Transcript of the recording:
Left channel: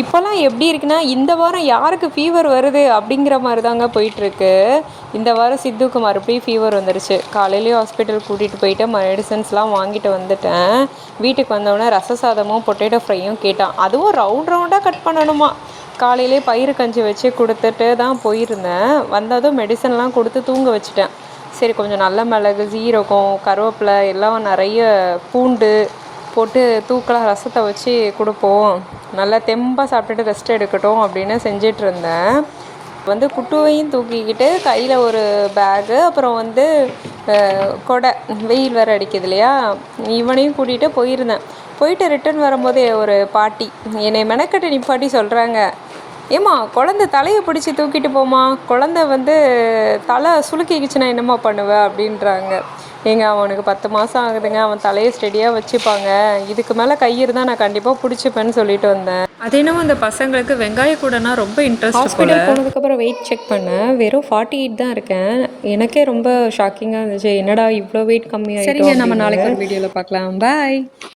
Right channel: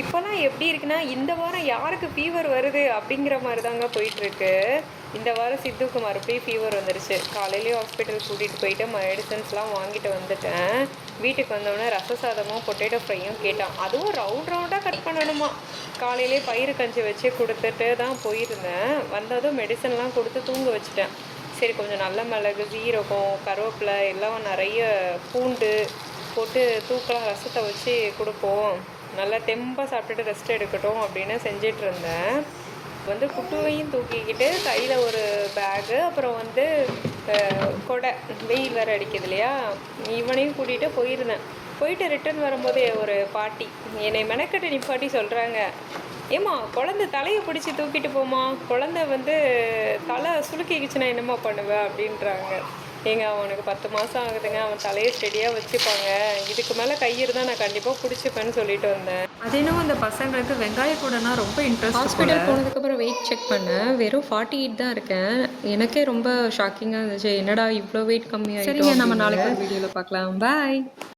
இப்போல்லாம் எப்படி இருக்குன்னா, இந்த வாரம் யாருக்கு ஃபீவர் வருது அப்படிங்கிற மாதிரி தாங்க போயிட்டுருக்கு. இந்த வாரம் சித்துக்கு மறுபடியும் ஃபீவர் வந்துருச்சு. காலையிலேயே ஹாஸ்பிட்டல் கூட்டிகிட்டு போயிட்டு மெடிசன்ஸ்லாம் வாங்கிட்டு வந்துட்டேன். வீட்டுக்கு வந்தோடனே ரச சாதமும் பொட்டேட்டோ ஃப்ரையும் கேட்டான். அதுவும் ரவுண்டாக கட் பண்ணணுமா. காலையிலே பயிறு கஞ்சி வச்சு கொடுத்துட்டு தான் போயிருந்தேன். வந்ததும் மெடிசன்லாம் கொடுத்து தூங்க வச்சுட்டேன். சரி, கொஞ்சம் நல்ல மிளகு, ஜீரகம், கருவேப்பிலை எல்லாம் நிறைய பூண்டு போட்டு தூக்கலாக ரசத்தை வச்சு கொடுப்போம், நல்லா தெம்பாக சாப்பிட்டுட்டு ரெஸ்ட் எடுக்கட்டும் அப்படின்னு செஞ்சிட்டு இருந்தேன். குட்டுவையும் தூக்கிக்கிட்டு கையில் ஒரு பேகு, அப்புறம் கொடை, வெயில் வேறு அடிக்குது இல்லையா, இவனையும் கூட்டிகிட்டு போயிருந்தேன். போயிட்டு ரிட்டன் வரும்போதே ஒரு பாட்டி என்னை மெனக்கட்டு நிப்பாட்டி சொல்கிறாங்க, ஏம்மா குழந்தை தலையை பிடிச்சி தூக்கிட்டு போமா, குழந்தை தலை சுளுக்கிக்கிச்சுன்னா என்னம்மா பண்ணுவேன் அப்படின்றாங்க. அவனுக்கு 10 மாதம் ஆகுதுங்க, அவன் தலையை ஸ்டெடியாக வச்சுப்பாங்க, இதுக்கு மேலே கை இருந்தால் நான் கண்டிப்பாக பிடிச்சிப்பேன்னு சொல்லிட்டு வந்தேன். அது என்னமோ அந்த பசங்களுக்கு வெங்காய கூடனா ரொம்ப இன்ட்ரெஸ்ட். ஹாஸ்பிட்டல் போனதுக்கப்புறம் வெயிட் செக் பண்ணேன், வெறும் 48 தான் இருக்கேன். எனக்கே ரொம்ப ஷாக்கிங்காக இருந்துச்சு, என்னடா இவ்வளோ வெயிட் கம்மியாக. சரிங்க, நம்ம நாளைக்கு ஒரு வீடியோவில் பார்க்கலாம். பாய்.